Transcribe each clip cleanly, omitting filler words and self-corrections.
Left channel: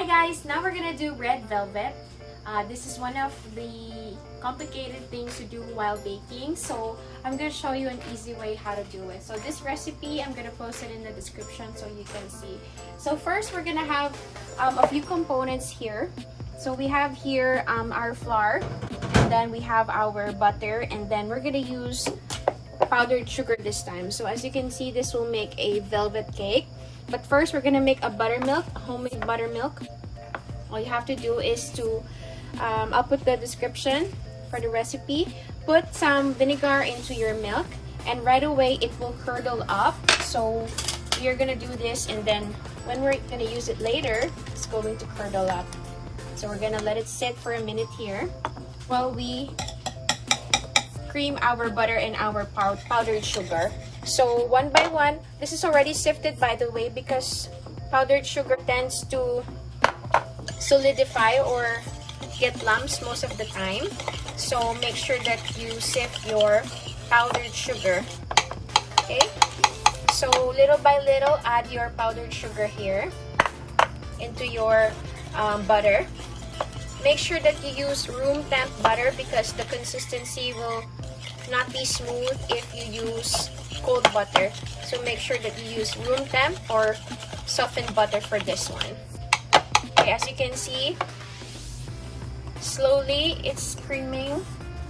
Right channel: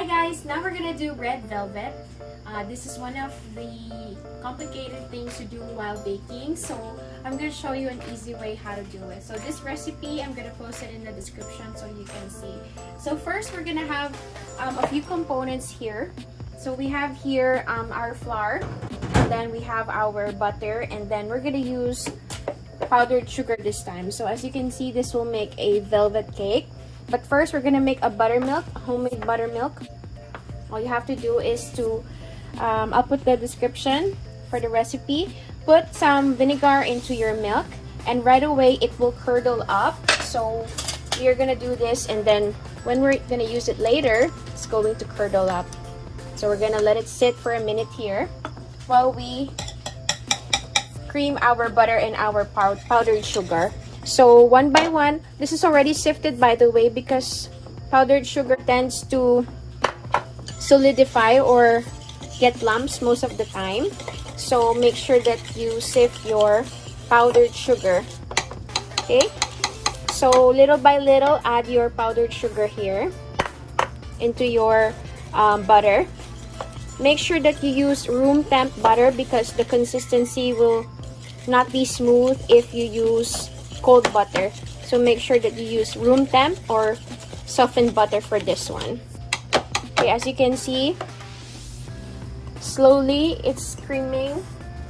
Hi guys, now we're gonna do red velvet. This is one of the complicated things to do while baking, so I'm gonna show you an easy way how to do it. So this recipe, I'm gonna post it in the description so you can see. So first we're gonna have a few components here. So we have here our flour, and then we have our butter, and then we're gonna use powdered sugar this time. So as you can see, this will make a velvet cake. But first we're gonna make a buttermilk, a homemade buttermilk. All you have to do is to I'll put the description for the recipe. Put some vinegar into your milk, and right away it will curdle up. So you're gonna do this, and then when we're gonna use it later, it's going to curdle up. So we're gonna let it sit for a minute here while we cream our butter and our powdered sugar. So one by one, this is already sifted by the way, because powdered sugar tends to solidify or get lumps most of the time. So make sure that you sift your powdered sugar. Okay, so little by little add your powdered sugar here into your butter. Make sure that you use room temp butter because the consistency will not be smooth if you use cold butter. So make sure that you use room temp or softened butter for this one. Okay, as you can see, slowly it's creaming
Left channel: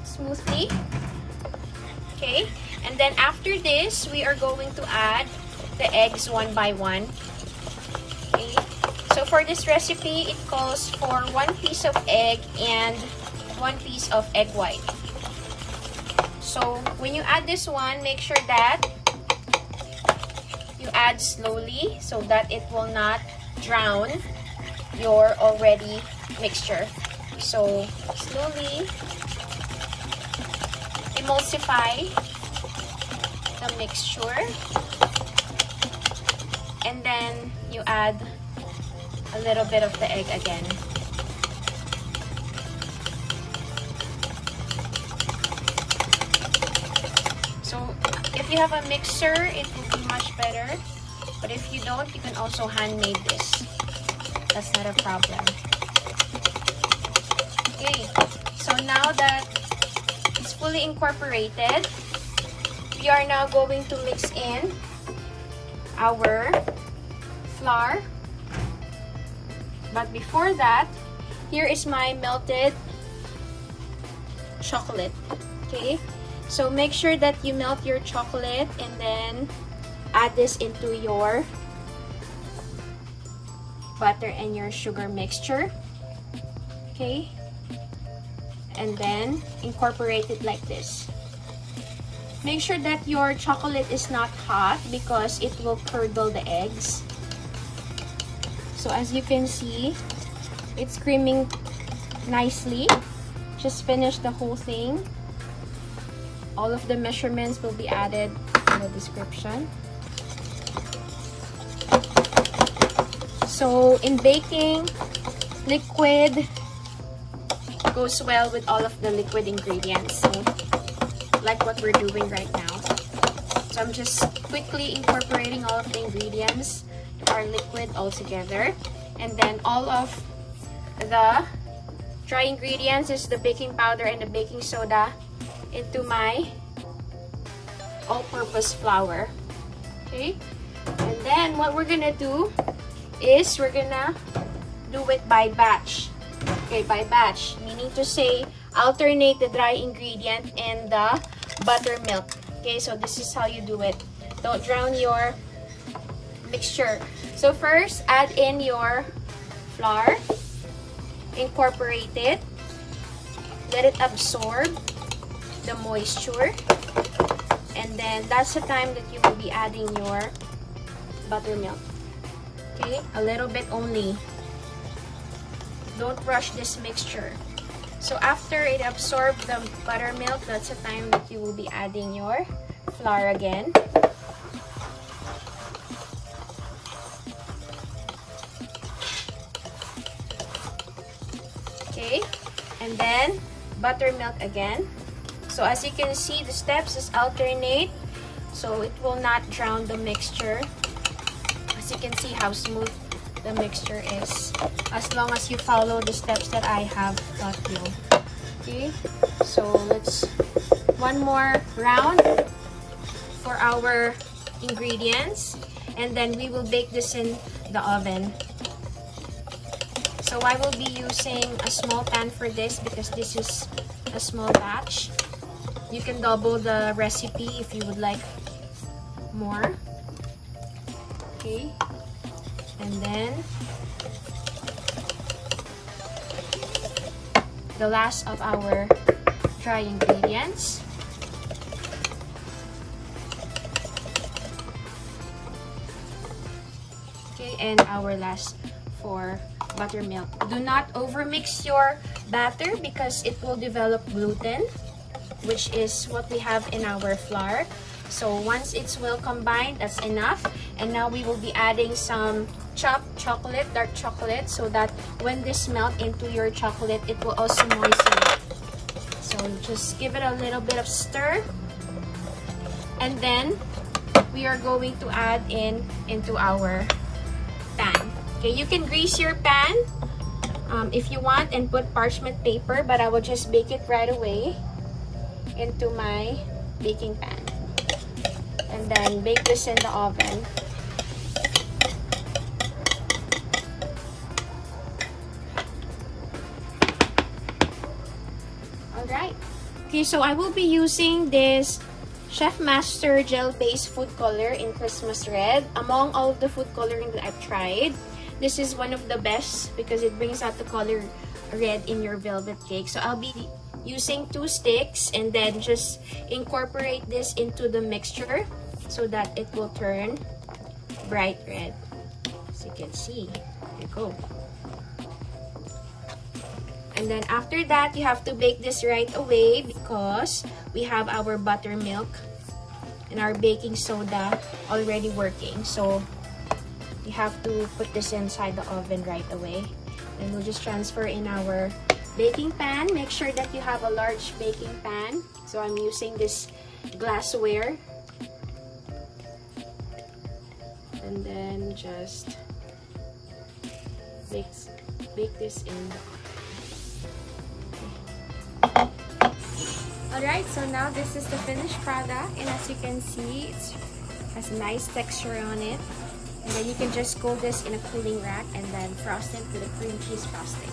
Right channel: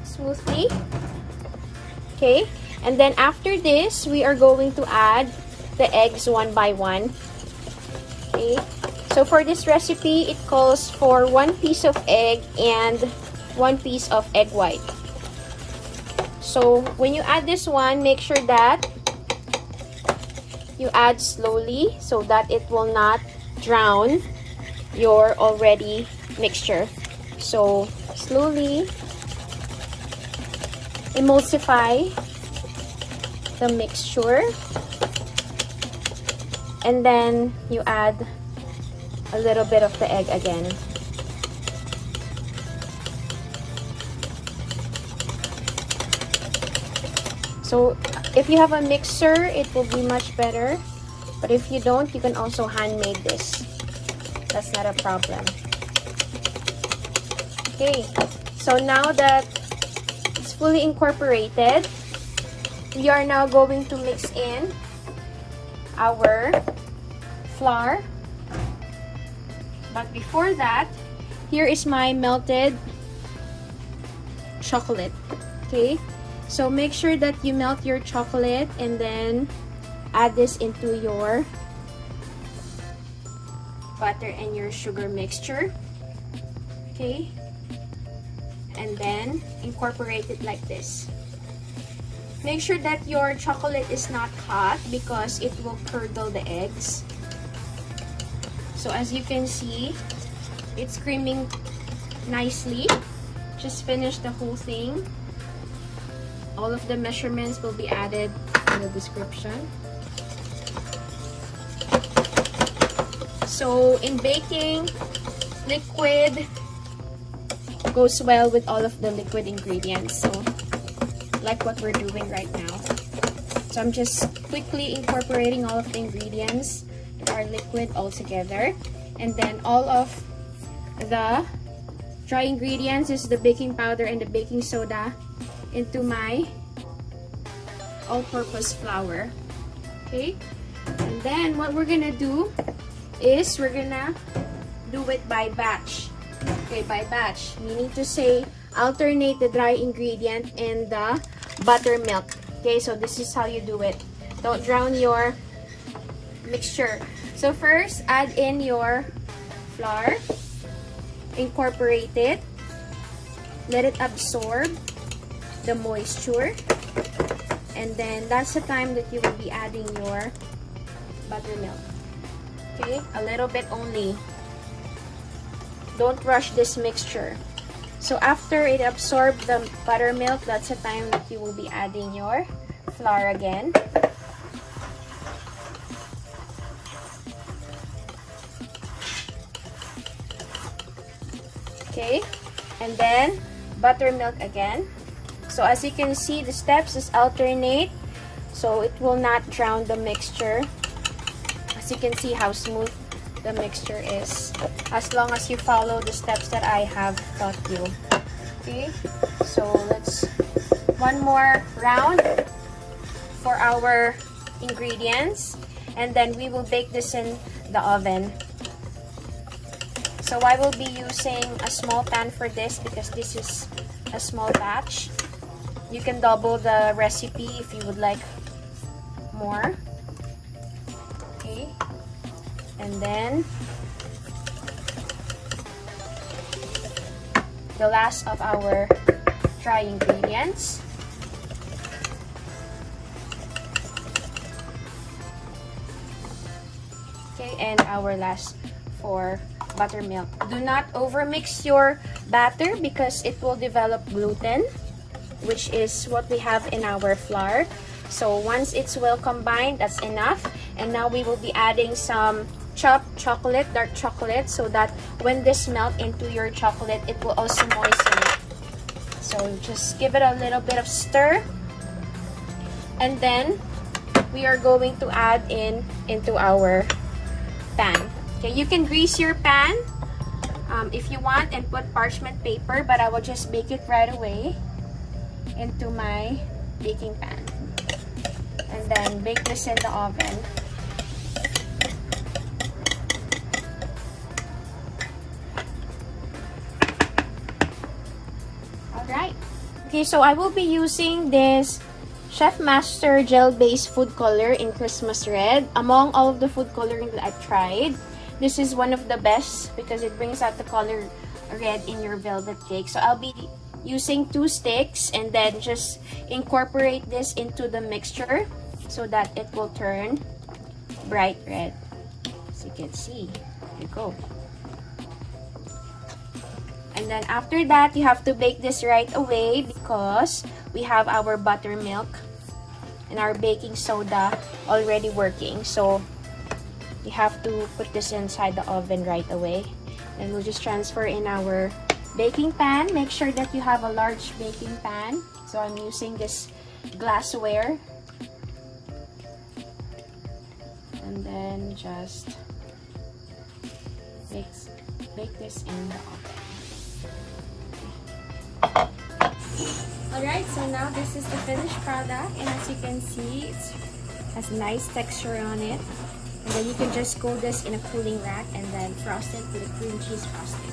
smoothly. Okay, and then after this we are going to add the eggs one by one. Okay, so for this recipe it calls for 1 piece of egg and 1 piece of egg white. So when you add this one, make sure that you add slowly so that it will not drown your already mixture. So slowly emulsify the mixture, and then you add a little bit of the egg again. So if you have a mixer, it will be much better. But if you don't, you can also handmade this. That's not a problem. Okay, so now that it's fully incorporated, we are now going to mix in our flour. But before that, here is my melted chocolate. Okay, so make sure that you melt your chocolate and then add this into your butter and your sugar mixture. Okay, and then incorporate it like this. Make sure that your chocolate is not hot because it will curdle the eggs. So as you can see, it's creaming nicely. Just finish the whole thing. All of the measurements will be added in the description. So in baking, liquid goes well with all of the liquid ingredients. So like what we're doing right now. So I'm just quickly incorporating all of the ingredients to our liquid all together. And then all of the dry ingredients is the baking powder and the baking soda into my all-purpose flour. Okay, and then what we're gonna do is we're gonna do it by batch. Okay, by batch, meaning to say alternate the dry ingredient and the buttermilk. Okay, so this is how you do it. Don't drown your mixture. So first, add in your flour, incorporate it, let it absorb the moisture, and then that's the time that you will be adding your buttermilk. Okay, a little bit only. Don't rush this mixture. So after it absorbs the buttermilk, that's the time that you will be adding your flour again. Okay, and then buttermilk again. So as you can see, the steps is alternate, so it will not drown the mixture. As you can see how smooth the mixture is, as long as you follow the steps that I have taught you. Okay, so let's one more round for our ingredients, and then we will bake this in the oven. So I will be using a small pan for this because this is a small batch. You can double the recipe if you would like more. Okay, and then the last of our dry ingredients. Okay, and our last for buttermilk. Do not overmix your batter because it will develop gluten, which is what we have in our flour. So once it's well combined, that's enough. And now we will be adding some chopped chocolate, dark chocolate, so that when this melt into your chocolate, it will also moisten it. So just give it a little bit of stir. And then we are going to add into our pan. Okay, you can grease your pan if you want and put parchment paper, but I will just bake it right away into my baking pan. And then bake this in the oven. Alright. Okay, so I will be using this Chef Master gel-based food color in Christmas red. Among all of the food coloring that I've tried, this is one of the best because it brings out the color red in your velvet cake. So I'll be using 2 sticks and then just incorporate this into the mixture so that it will turn bright red. As you can see, there you go. And then after that, you have to bake this right away because we have our buttermilk and our baking soda already working. So you have to put this inside the oven right away. And we'll just transfer in our baking pan. Make sure that you have a large baking pan. So I'm using this glassware. And then just bake this in the oven. Alright, so now this is the finished product, and as you can see, it has a nice texture on it. And then you can just cool this in a cooling rack and then frost it with a cream cheese frosting.